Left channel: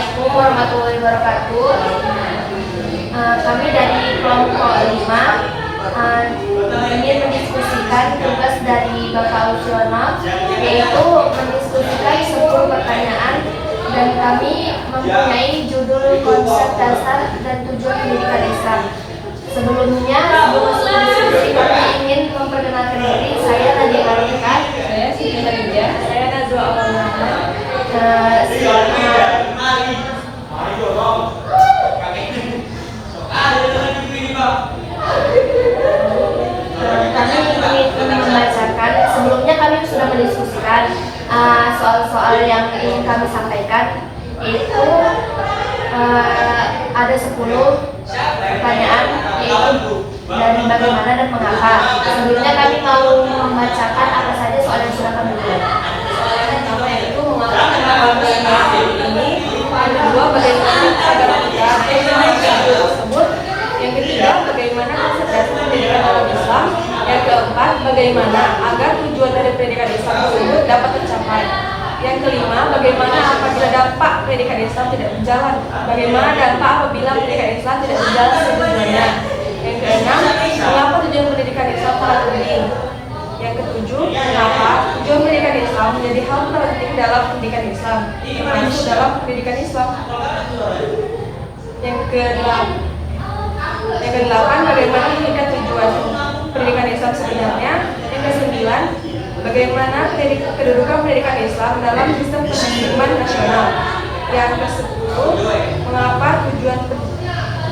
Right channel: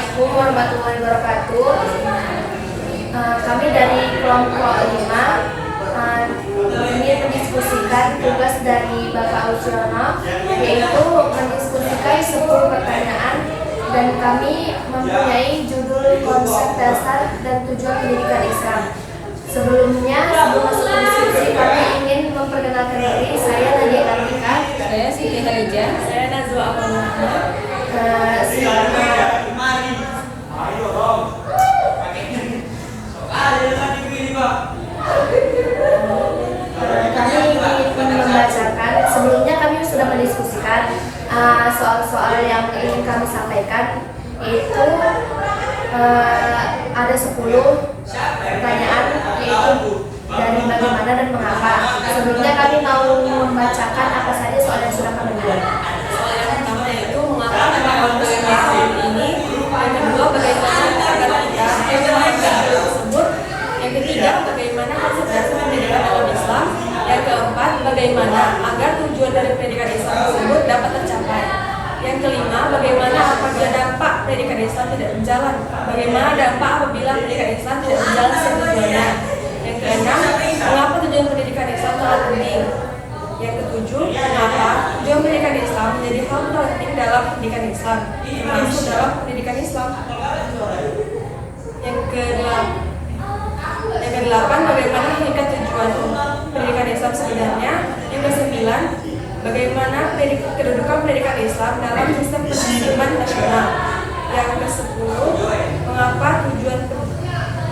Assalamualaikum warahmatullahi wabarakatuh. Kami dari kelompok 5 ingin mendiskusikan tugas dari Bapak Uciono, yaitu mendiskusikan 10 pertanyaan, dan kami mempunyai judul konsep dasar dan tujuan pendidikan Islam. Sebelum masuk ke diskusi, kami ingin memperkenalkan diri. Saya Nadia Kartika. Saya Siti Khadijah. Saya Nazwa Amal. Kami ingin membacakan. Sebelumnya kami sudah mendiskusikan soal-soal yang ingin kami sampaikan, yaitu ada 10 pertanyaan, yaitu dari bagaimana dan mengapa. Sebelumnya kami mau membacakan apa saja soal yang sudah kami buat. Soal yang pertama yaitu mengapa kita mempunyai ini. Yang kedua, bagaimana agar kita tersebut. Yang ketiga, bagaimana konsentrasi pendidikan dalam Islam. Yang keempat, bagaimana agar tujuan dari pendidikan Islam tersebut dapat tercapai. Yang kelima, bagaimana apabila dampak pendidikan Islam tidak berjalan. Bagaimana dampak apabila pendidikan Islam tidak berjalan sesuai tujuannya. Yang keenam, mengapa tujuan pendidikan Islam sangat penting. Yang ketujuh, mengapa tujuan pendidikan Islam menjadi hal penting dalam pendidikan Islam, termasuk dalam pendidikan Islam. Yang kedelapan, bagaimana mengikat tujuan pendidikan Islam sebenarnya. Yang kesembilan, bagaimana kedudukan pendidikan Islam dalam sistem pendidikan nasional. Yang kesepuluh, mengapa tujuan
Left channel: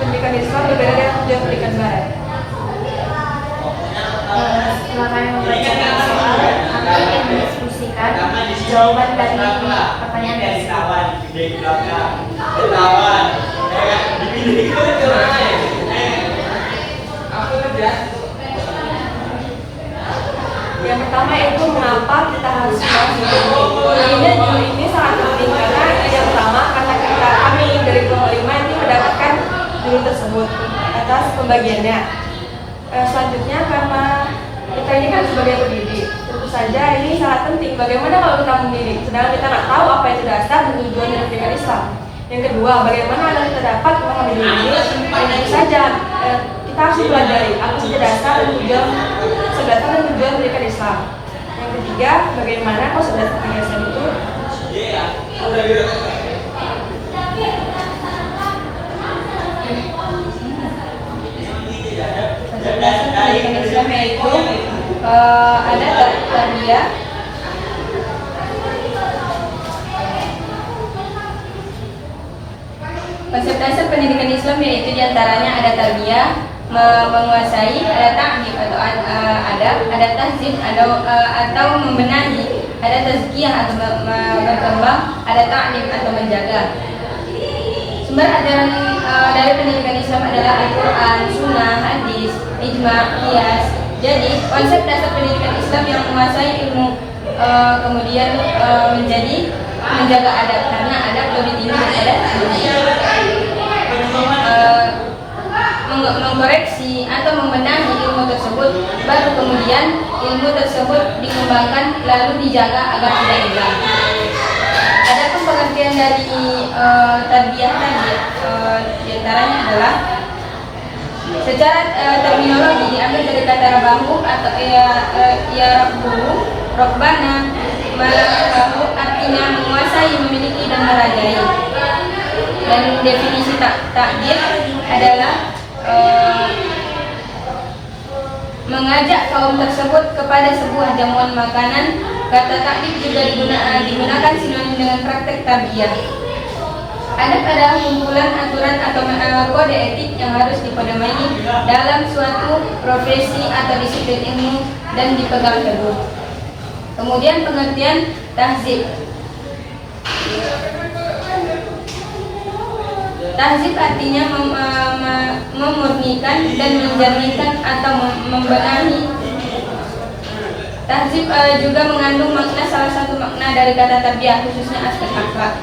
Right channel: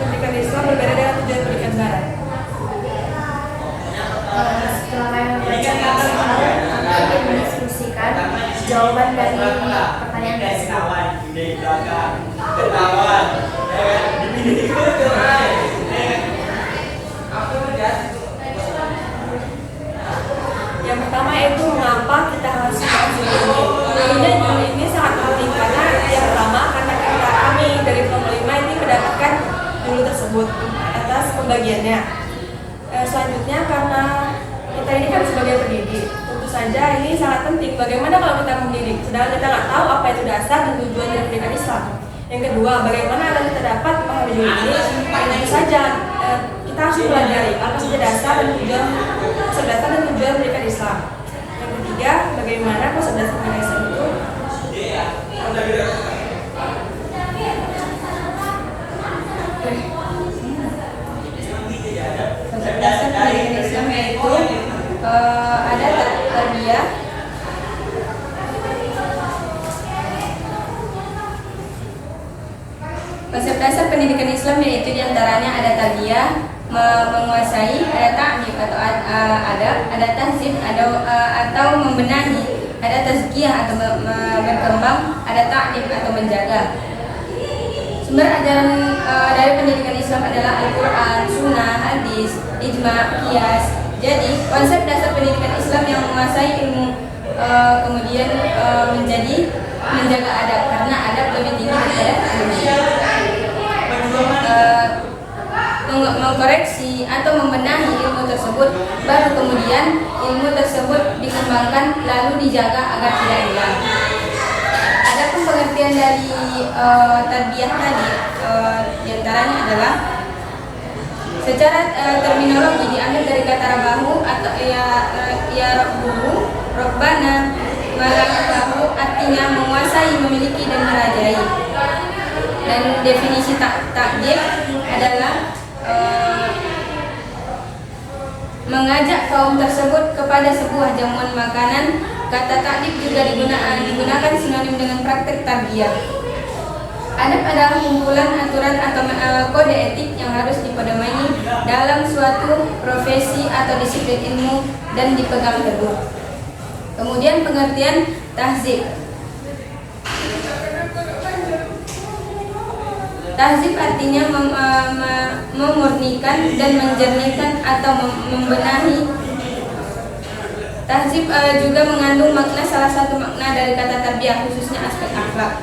pendidikan Islam berbeda dengan tujuan pendidikan Barat. Setelah kami membacakan soal, kami ingin mendiskusikan jawaban dari pertanyaan tersebut. Yang pertama yaitu mengapa kita harus membahas judul ini. Judul ini sangat penting karena yang pertama, karena kami dari kelompok 5 ini mendapatkan judul tersebut atas pembagiannya. Selanjutnya, karena kita ini kan sebagai pendidik, tentu saja ini sangat penting. Bagaimana kalau kita mendidik, sedangkan kita nggak tahu apa itu dasar dan tujuan dari pendidikan Islam. Yang kedua, bagaimana agar kita dapat memahami diri ini. Tentu saja kita harus mempelajari apa saja dasar dan tujuan pendidikan Islam. Yang ketiga, bagaimana konsep dasar pendidikan Islam itu. Konsep dasar pendidikan Islam yaitu ada tarbiyah, konsep dasar pendidikan Islam yaitu diantaranya ada tarbiyah, menguasai, ada ta'lim atau adab, ada tahzib atau membenahi, ada tazkiyah atau berkembang, ada ta'lim atau menjaga. Sumber ajaran dari pendidikan Islam adalah Al-Quran, Sunnah, Hadis, Ijma', Qiyas. Jadi konsep dasar pendidikan Islam yang menguasai ilmu, kemudian menjaga adab, karena adab lebih tinggi daripada ilmu. Mengkoreksi atau membenahi ilmu tersebut, baru kemudian ilmu tersebut dikembangkan lalu dijaga agar tidak hilang. Adapun pengertian dari tarbiyah tadi, diantaranya adalah secara terminologi diambil dari kata rabahu atau rabbuhu, rabbana, malaku, artinya menguasai, memiliki dan merajai. Dan definisi takdir adalah mengajak kaum tersebut kepada sebuah jamuan makanan. Kata takdir juga digunakan sinonim dengan praktek tarbiyah. Adab adalah kumpulan aturan atau kode etik yang harus dipedomani dalam suatu profesi atau disiplin ilmu dan dipegang teguh. Kemudian pengertian tahzib. Tahzib artinya memurnikan dan menjernihkan atau membenahi. Tahzib juga mengandung makna, salah satu makna dari kata tarbiyah, khususnya aspek akhlak.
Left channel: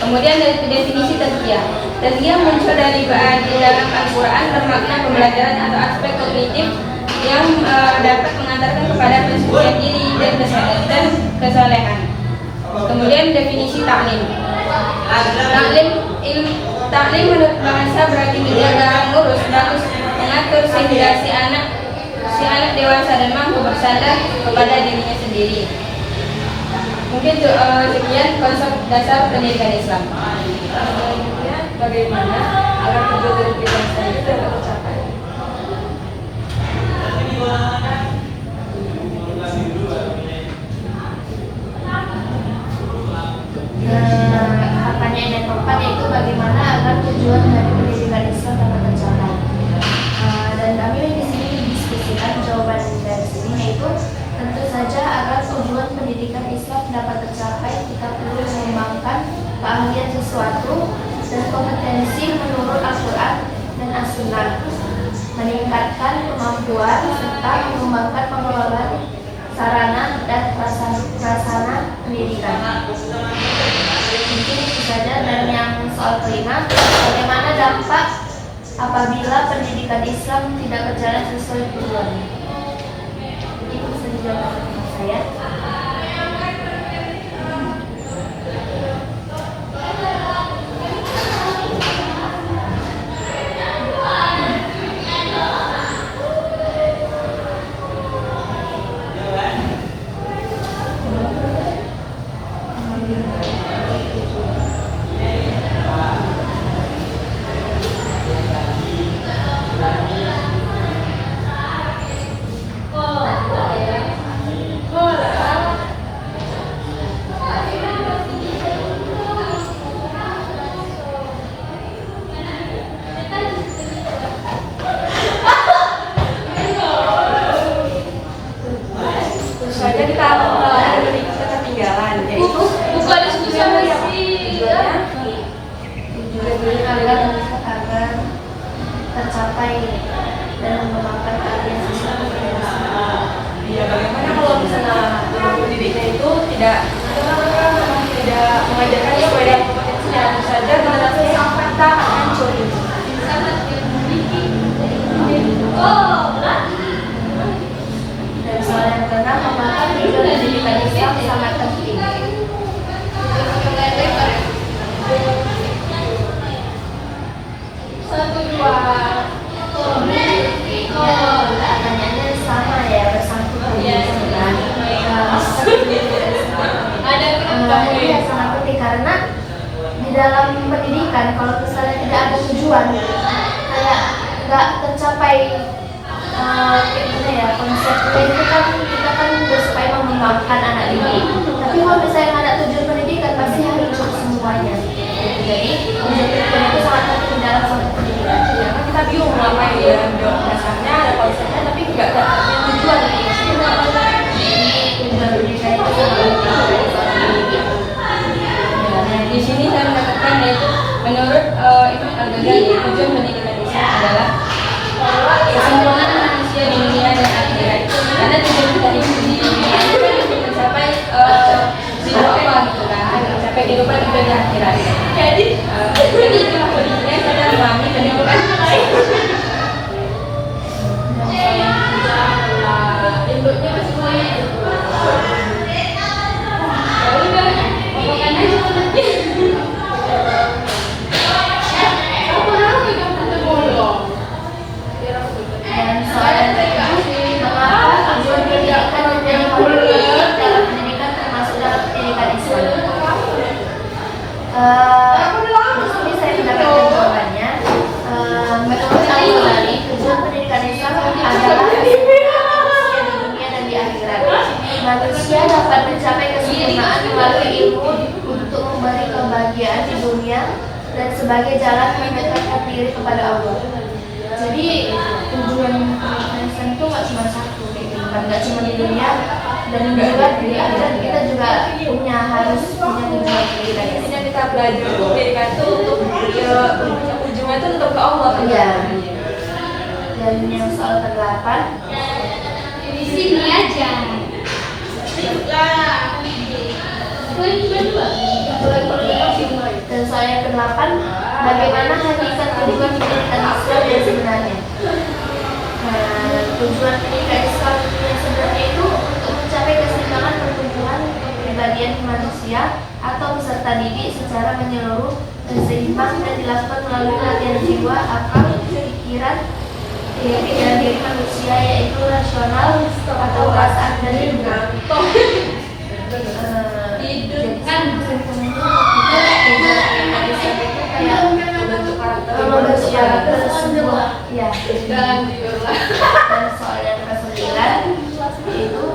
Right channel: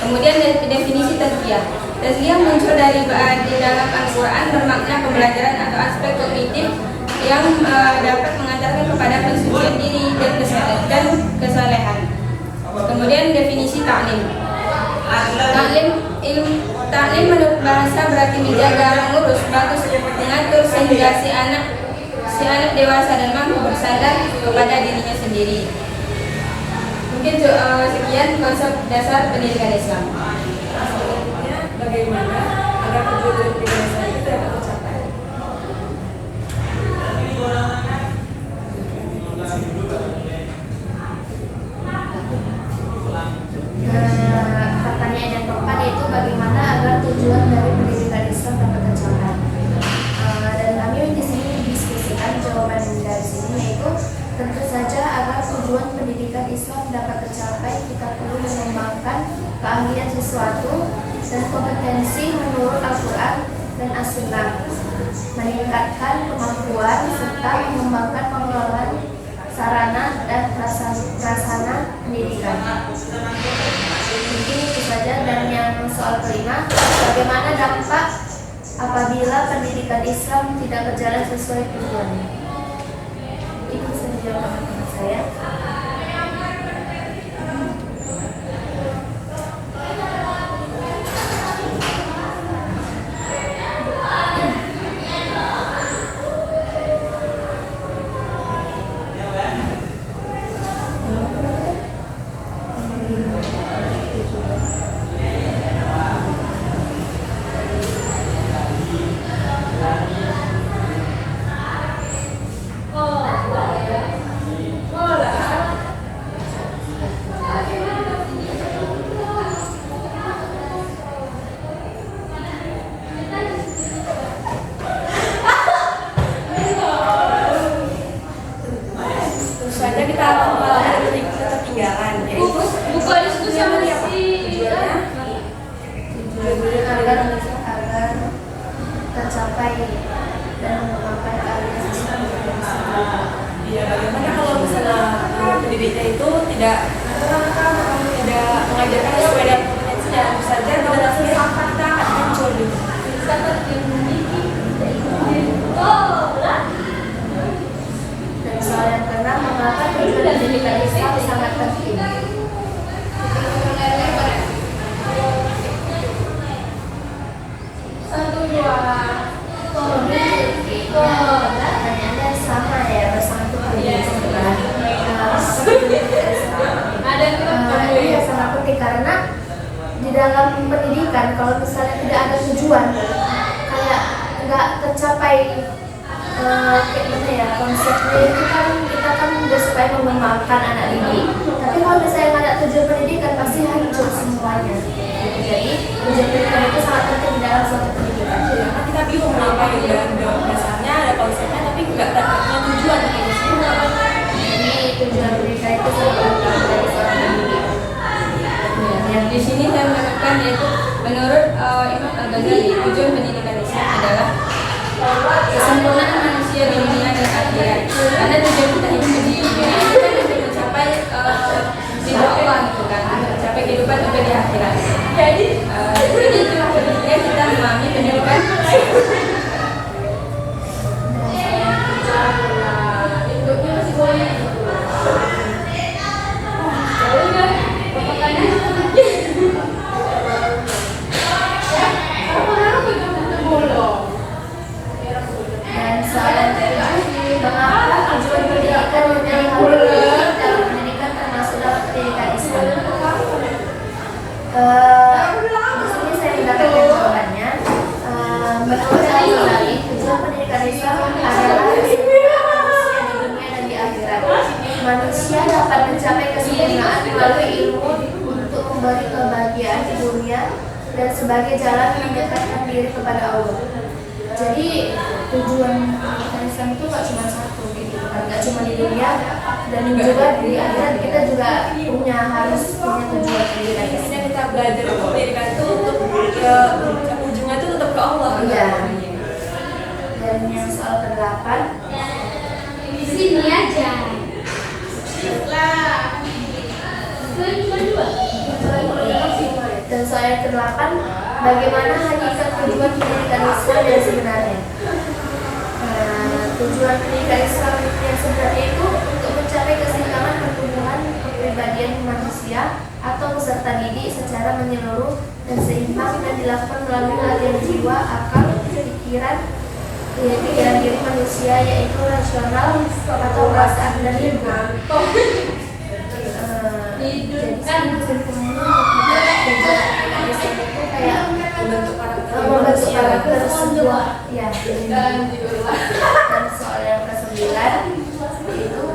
Kemudian dari definisi tazkiyah. Tazkiyah muncul dari di dalam Al-Quran, bermakna pembelajaran atau aspek kognitif yang dapat mengantarkan kepada pensucian diri dan kesalehan. Kemudian definisi ta'lim. Taklim menurut bahasa berarti menjaga, mengurus, mengatur sehingga si anak dewasa dan mampu bersandar kepada dirinya sendiri. Mungkin sekian konsep dasar pendidikan Islam. Selanjutnya, bagaimana agar tujuan dari pendidikan Islam itu dapat tercapai? Pertanyaan yang keempat yaitu bagaimana agar tujuan dari pendidikan Islam dapat tercapai. Dan kami di sini diskusikan jawaban dari sini, yaitu tentu saja agar tujuan pendidikan Islam dapat tercapai kita perlu mengembangkan keahlian sesuatu dan kompetensi menurut Al-Quran dan As-Sunnah, meningkatkan kemampuan serta mengembangkan pengelolaan sarana dan prasarana pendidikan. Mungkin itu saja. Dan yang soal kelima, bagaimana dampak apabila pendidikan Islam tidak berjalan sesuai tujuannya? Itu bisa dijawab oleh teman saya. Selanjutnya kita akan mengalami ketertinggalan, yaitu tujuannya agar tercapai dan mengembangkan keahlian sesuatu. ya bagaimana kalau misalnya pendidiknya itu tidak mengajarkan sesuai dengan kompetensinya, tentu saja generasi kita akan hancur. Dan soal yang keenam, mengapa tujuan pendidikan Islam sangat penting? Pertanyaannya sama ya, bersangkut dengan ini sangat penting karena di dalam pendidikan kalau misalnya tidak ada tujuan, kayak nggak tercapai kayak gimana ya konsepnya itu kan kita kan udah supaya mengembangkan anak didik, tapi kalau misalnya nggak ada tujuan pendidikan pasti hancur semuanya. Jadi tujuan pendidikan itu sangat penting di dalam suatu pendidikan. Ya, kan kita bingung apa yang di dalam dasarnya ada konsepnya tapi nggak punya tujuan. Jadi tujuan pendidikan itu sangat penting dari seorang pendidik. Nah, di sini saya mengatakan yaitu menurut Imam Al-Ghazali tujuan pendidikan Islam adalah kesempurnaan manusia di dunia dan akhirat. Karena tujuan kita hidup di dunia itu kan untuk mencapai ridho Allah gitu kan, mencapai kehidupan itu di akhirat. Jadi itu pendidikan kita memahami pendidikan. Dan soal yang ketujuh, mengapa tujuan pendidikan menjadi hal penting dalam pendidikan termasuk dalam pendidikan Islam? Di sini saya mendapatkan jawabannya. Menurut Al-Ghazali, tujuan pendidikan Islam adalah kesempurnaan manusia di dunia dan di akhirat. Manusia dapat mencapai kesempurnaan melalui ilmu untuk memberi kebahagiaan di dunia dan sebagai jalan mendekatkan diri kepada Allah. Jadi tujuan pendidikan Islam itu nggak cuma satu kayak gitu kan, nggak cuma di dunia dan juga di akhirat kita juga harus punya tujuan pendidikan Islam. Intinya kita belajar itu pendidikan itu untuk ujungnya itu tetap ke Allah. Iya. Dan yang soal ke-8, Di sini aja. dan soal yang ke-8, bagaimana hakikat tujuan pendidikan Islam yang sebenarnya? Tujuan pendidikan Islam yang sebenarnya itu untuk mencapai keseimbangan pertumbuhan, kepribadian manusia atau peserta didik secara menyeluruh dan seimbang dan dilakukan melalui latihan jiwa, akal, pikiran diri manusia yaitu rasional atau perasaan dan lingkungan. Jadi kesimpulannya ketika pendidikan Islam itu kayak membentuk karakter sebuah ya. Dan soal yang ke-9 itu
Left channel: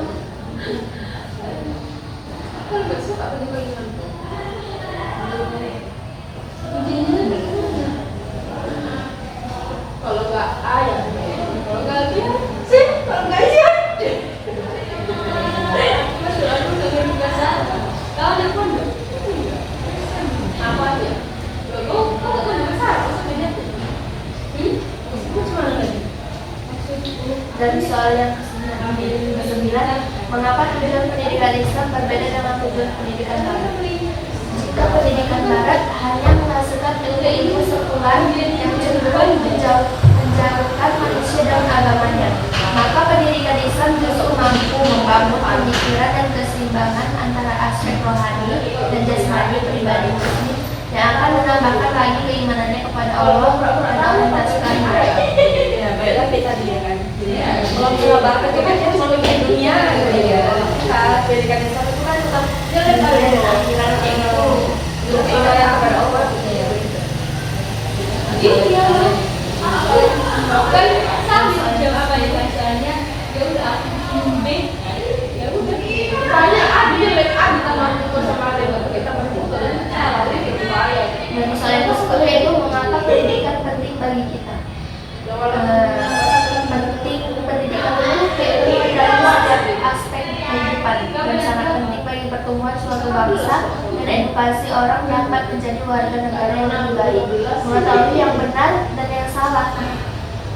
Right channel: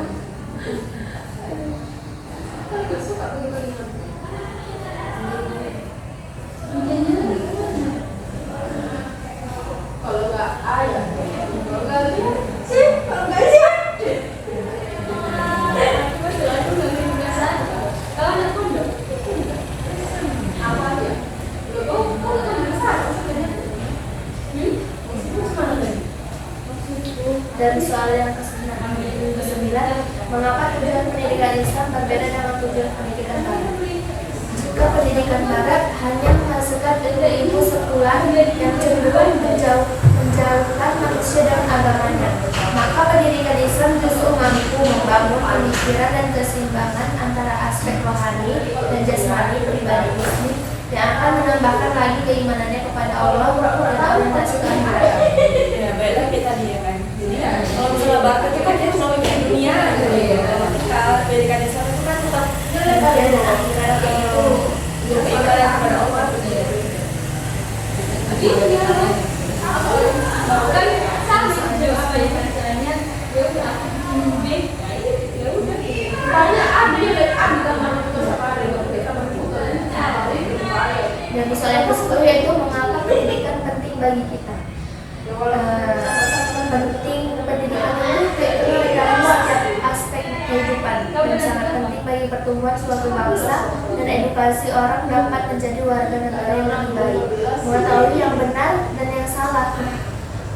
dan soal yang ke-9, mengapa tujuan pendidikan Islam berbeda dengan tujuan pendidikan Barat? Jika pendidikan Barat hanya menghasilkan ilmu sekular yang cenderung menjauhkan manusia dan agamanya, maka pendidikan Islam justru mampu membangun pemikiran dan keseimbangan antara aspek rohani dan jasmani pribadi muslim yang akan menambahkan lagi keimanannya kepada Allah dan orientasi ke akhirat. Ya, baiklah kita dia kan. Kalau misalnya Barat itu kan cuma mikir dunia gitu ya. Kita pendidikan Islam itu kan tetap Dunia dan akhirat kayak gitu. keimanan kepada Allah. Dan soal yang ke-10 yaitu mengapa pendidikan penting bagi kita. Pendidikan itu terlihat dalam setiap aspek kehidupan dan sangat penting bagi pertumbuhan suatu bangsa dan edukasi orang dapat menjadi warga negara yang lebih baik, mengetahui yang benar dan yang salah,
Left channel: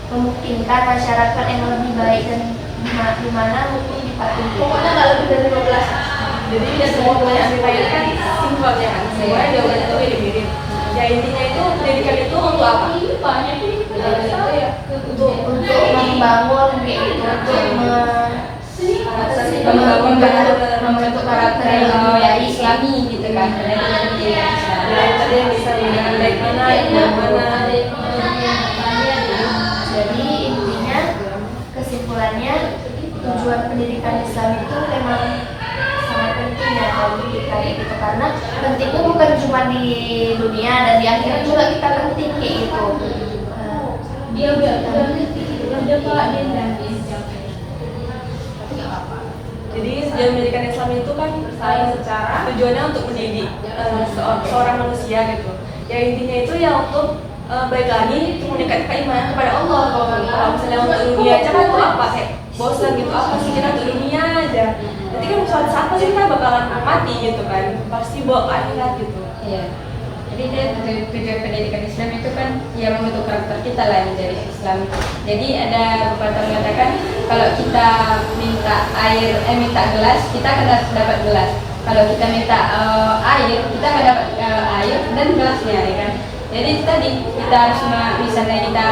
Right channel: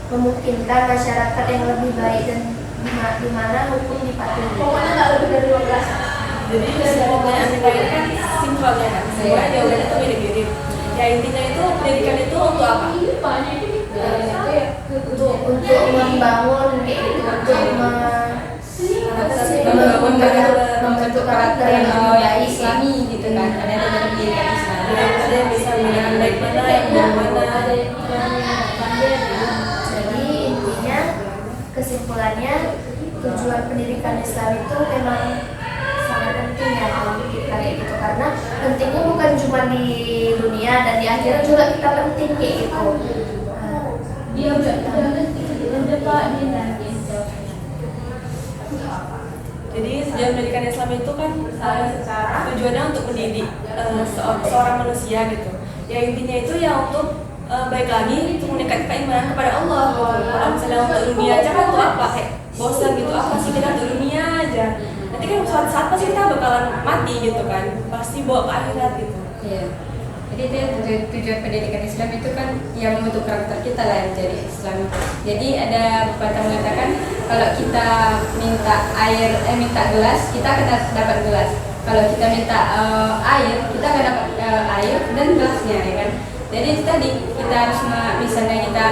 memungkinkan masyarakat yang lebih baik dan di mana hukum dipatuhi. Jadi semua pertanyaan kita ini kan sinkronnya kan, semua jawabannya itu mirip-mirip. Ya intinya itu pendidikan itu untuk apa? Untuk membangun kayak gitu, membentuk karakter yang lebih baik Islami gitu kan, karena dengan pendidikan Islam. Tadi bisa menggunakan baik mana, yang mana. Jadi intinya kesimpulannya tujuan pendidikan Islam itu memang sangat penting ya bagi kita kayak gitu, karena pentingnya bukan cuma di dunia dan di akhirat juga kita penting kayak gitu. Dia udah Pak Jadi tujuan pendidikan Islam itu kan tujuannya untuk mendidik seorang manusia gitu. Ya intinya itu ya untuk baik lagi untuk meningkatkan keimanan kepada Allah. Kalau misalnya untuk dunia aja kan untuk apa? Kayak bosan gitu, apa sih kita untuk dunia aja. Nanti kan suatu saat pasti kita bakalan mati gitu kan, pasti bawa ke akhirat gitu. Iya. Jadi tujuan pendidikan Islam itu kan ya membentuk karakter kita lah menjadi Islam. Jadi ada pepatah mengatakan kalau kita minta gelas, kita akan dapat gelas. Kalau kita minta air, kita akan dapat air dan gelasnya, ya kan. Jadi kita harus misalnya kita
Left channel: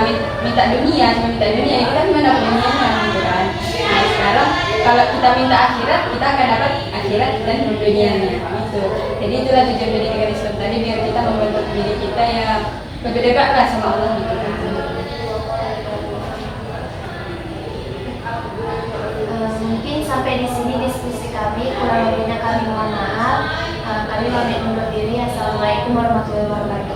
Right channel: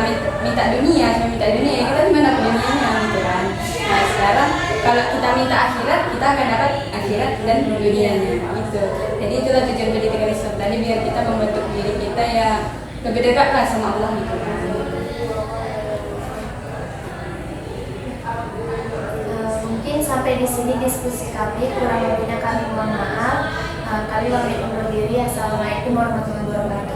minta dunia, kita cuma dapat dunianya, gitu kan. Nah sekarang kalau kita minta akhirat, kita akan dapat akhirat dan dunianya. Gitu. Jadi itulah tujuan pendidikan Islam tadi, biar kita membentuk diri kita ya lebih dekat lah sama Allah gitu kan. Mungkin sampai di sini diskusi kami, kurang lebihnya kami mohon maaf. Kami pamit undur diri. Assalamualaikum warahmatullahi wabarakatuh.